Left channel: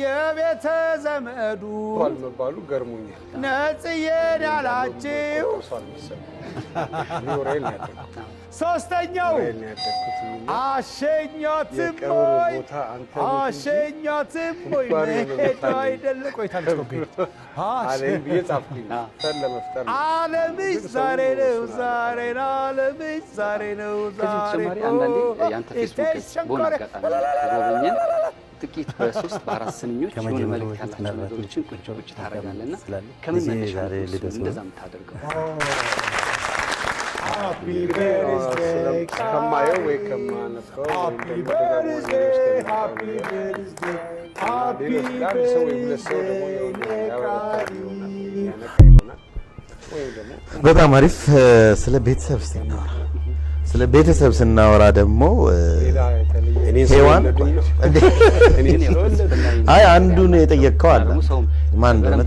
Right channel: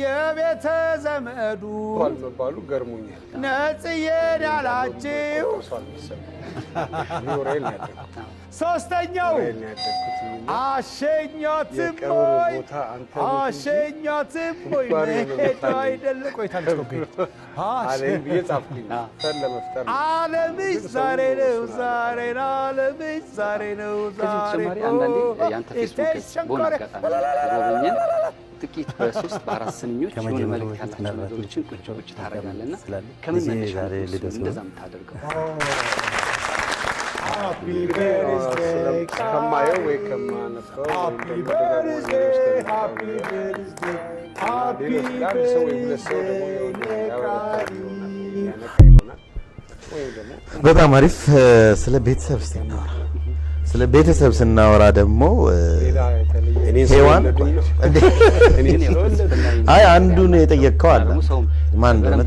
የቤተ ዘመዱ ባሉ ገርሞኛል ነጽዬን ያላችሁ ሶስተኛው አሸኛትም ወይ አይደለ ቆይታለች አለም ይጻፍኩኝ ለመፍጠር ዓለምሽ ዛሬ ነው ዛሬ ነው ዓለምሽ ዛሬ ነው ዛሬ አንዳንዴ ያንተ ፌስቡክ ጎበኘን ጥቂት በ3 በ4 ስንኞች የሆነ መልእክት ያላቸው ነገሮችን ቁጭ ታደርጋለና ከምን መነሻ እንደዛም ታደርገው Happy birthday ከማየው ወይ ከማነፈው Happy birthday Happy birthday Happy birthday በጣም አሪፍ ስለ ቤተሰብ ስናወራ ስለ ቤተሰብ ስናወራ ደግሞ ሄዋን አይ አንዱን የጠየቀው አለ ማን እንደሆነ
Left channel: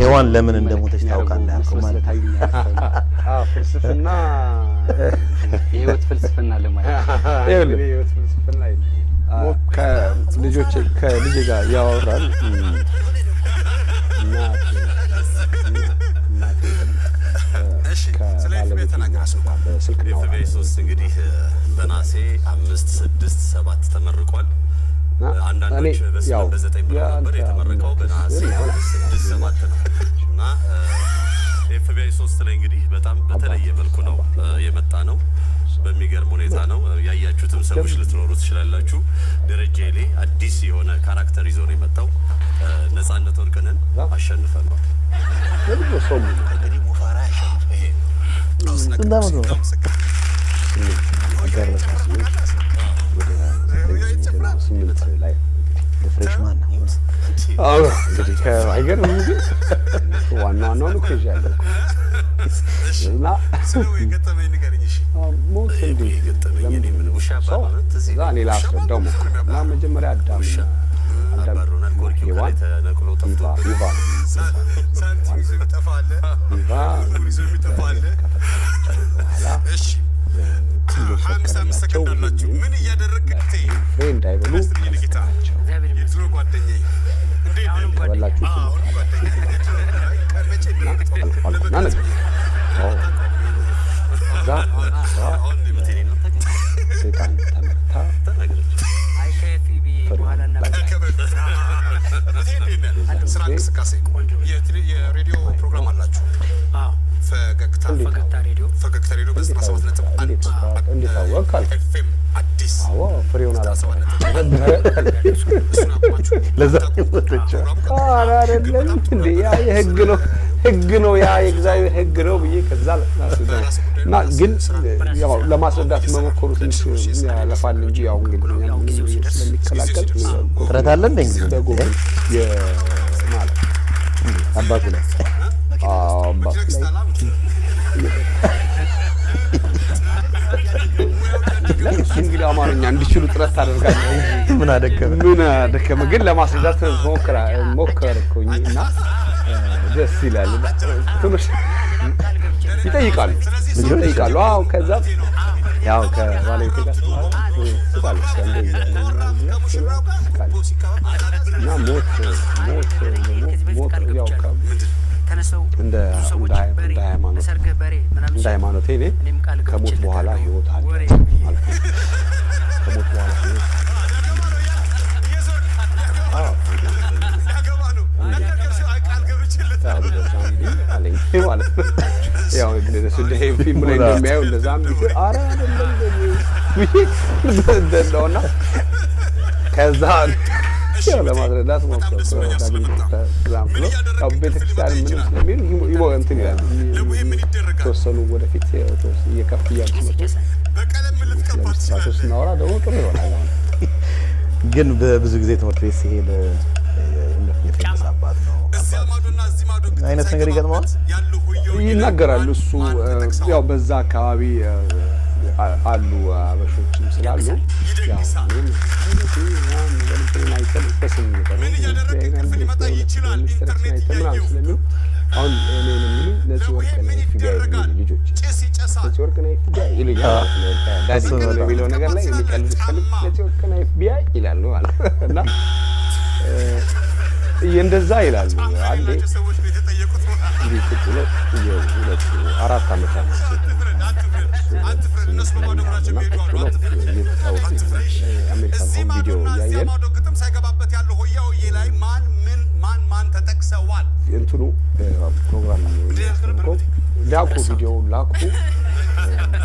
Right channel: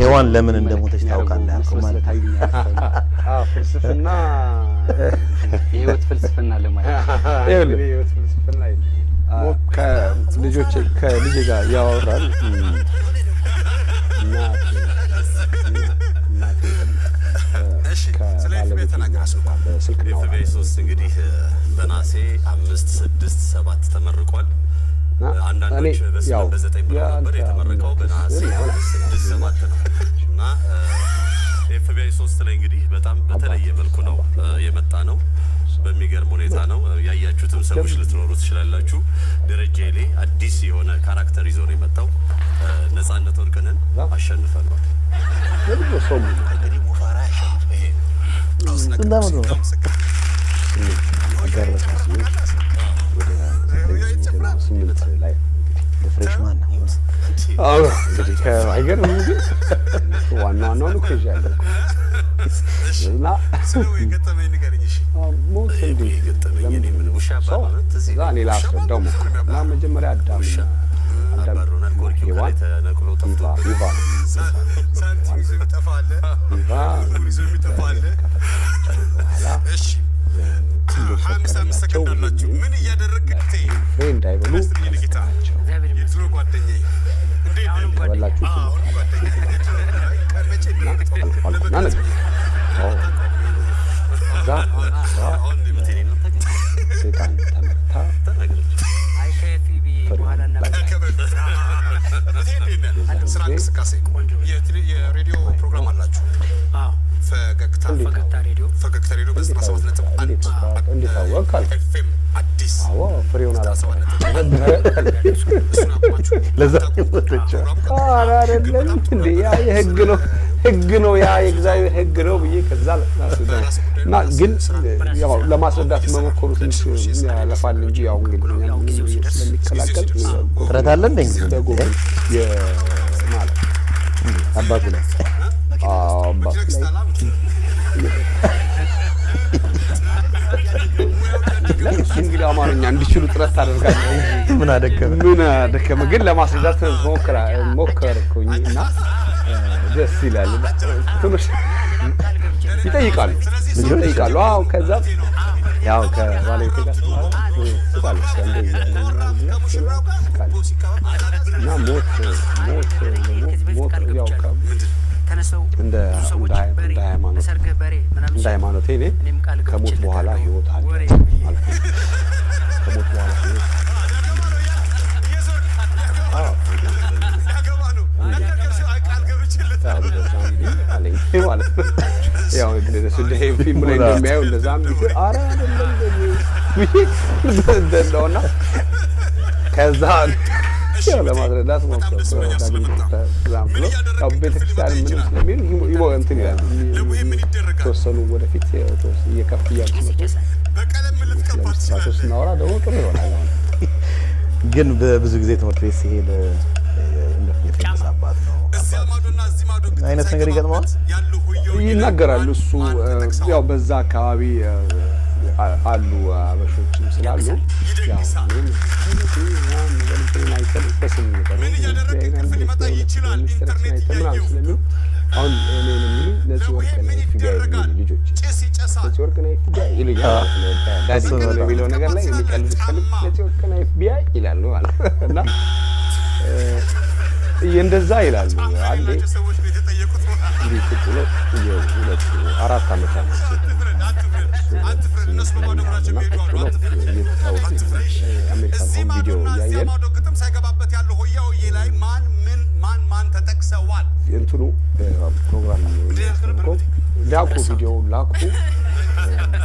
ሄዋን ለምን እንደሞተች ታውቃለህ አልኩ ማለት ፍልስፍና የህይወት ፍልስፍና ለማለት የህይወት ፍልስፍና ከልጅ ጋር ያወራል በስልክ እንግዲህ በናሴ 5 6 7 ተመርቋል አንዳንዶች በ9 ነበር የተመረቀው በናሴ 6 7 ነው እና ኤፍቢአይ 3 ላይ እንግዲህ በጣም በተለየ መልኩ ነው የመጣ ነው በሚገርም ሁኔታ ነው ያያችሁትም ሰዎች ልትኖሩ ትችላላችሁ ደረጃ ላይ አዲስ የሆነ ካራክተር ይዞ ነው የመጣው ነፃነት ወርቅነን አሸንፈናል ለምን ሰው እንግዲህ ሙፋራ ያሸንፈ ይሄ ስምንት ላይ ፍሬሽማን ነው እንግዲህ አይገርምም ግን ዋናው ነው ከዚህ ያለው እና ሰው የገጠመኝ ንገረኝ እሺ ሞት እንዴ የገጠመኝ እኔ ምን ውሻ ባባንት እዚህ ዛኔ ላስረዳው እና መጀመሪያ አዳም ባሮናል ጎርኪ ላይ ተነቅሎ ጠፍቶ ይባ ሳንቲም ይዞ ይጠፋል ይዞ ይጠፋል እሺ 55 ሰከንድ አላችሁ ምን እያደረግክ ፍሬንድ አይበሉ የድሮ ጓደኛዬ እንዴት ተበላችሁ ሴጣን ተመታ ስራ እንቅስቃሴ የሬዲዮ ፕሮግራም አላችሁ ፈገግታ ሬዲዮ በ97.1 እንዴት አወቃል ኤፍኤም አዲስ ፍሬውን አላሰ ለዛ ወጥቻ አይደለም እንዴ ያ ህግ ነው ያ የእግዚአብሔር ህግ ነው ብዬ ከዛ እና ግን ያው ለማስረዳት መሞከሩ ትንሽ ያለፋል እንጂ ያው እንግዲህ ስለሚከላከል ጥረት አለ እንዴ በጎግል የማለት አባቱ ላይ አባቱ ላይ እንግዲህ አማርኛ እንዲችሉ ጥረት ታደርጋለህ ምን አደከመ ግን ለማስረዳት ሞከርኩኝና ደስ ይላል ትንሽ ይጠይቃሉ አዎ ከዛ ያው ከባለቤቴ ጋር ስቃለች እና ሞት ያው እንደ ሃይማኖቴ እኔ ከሞት በኋላ ህይወት አለ ማለት ነው ከሞት በኋላ ህይወት ያው እንደዚህ ፊልም ላይ እንደሚያየው እንደዛም ቢሆን ኧረ አይደለም ከዛ ለማስረዳት ቤተክርስቲያን ምን ስለሚል እንትን ይላል ተወሰኑ ወደፊት እየከፍ እያሉ ስለሚስራቶች ስናወራ ደግሞ ጥሩ ይሆናል ግን በብዙ ጊዜ ትምህርት ቤት ሲሄድ የፌመስ አባት ነው አይነት ነገር ይገጥመዋል ይናገራል እሱ ያው በዛ አካባቢ አሉ አበሾችም ስላሉ ያው አሁን እኔን የሚሉኝ ነፂ ወርቅና ኤፍቢአይ ልጆች ነፂ ወርቅና ኤፍቢአይ ይሉኛል ዳዲ የሚለው ነገር ላይ የሚቀልድ ስፈልግ ነፂ ወርቅና ኤፍቢአይ ይላሉ ማለት እና እንደዛ ይላሉ አንዴ እንዴት ብሎ ሁለት አራት አመት አመጣው አሜሪካን ሆም ቪዲዮ ያየን ማን ተጠቅሰዋል እንትኑ ፕሮግራም ነው ላኩ ቪዲዮ ላኩ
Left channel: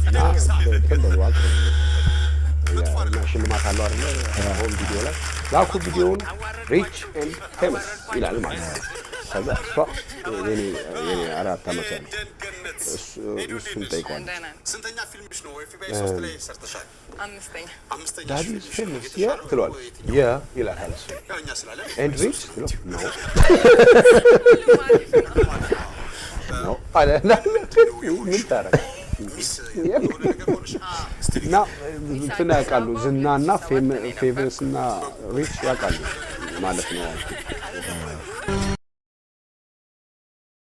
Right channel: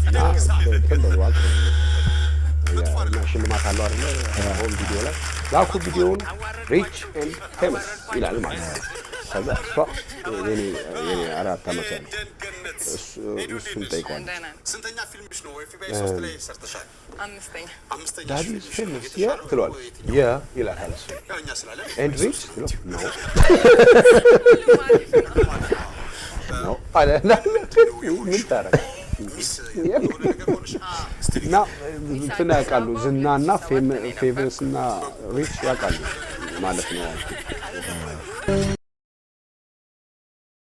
እና ተንበሉ ሽልማት አለው አይደል ሆም ቪዲዮ ላይ ላኩ ቪዲዮውን ሪች ኤንድ ፌመስ ይላል ማለት ነው ከዛ እሷ የኔ አራት አመት ነው እሱን ጠይቋል ስንተኛ ፊልምሽ ነው ኤፍቢአይ 3 ላይ ሰርተሻል አምስተኛ ዳዲ ፌመስ ያ ትሏል ያ ይላል አለስ ያኛ ስላለ ኤንድ ሪች ነው ነው አለ ምን ታረጋ እና እንትን ያውቃሉ ዝናና ፌመስ እና ሪች ያውቃሉ ማለት ነው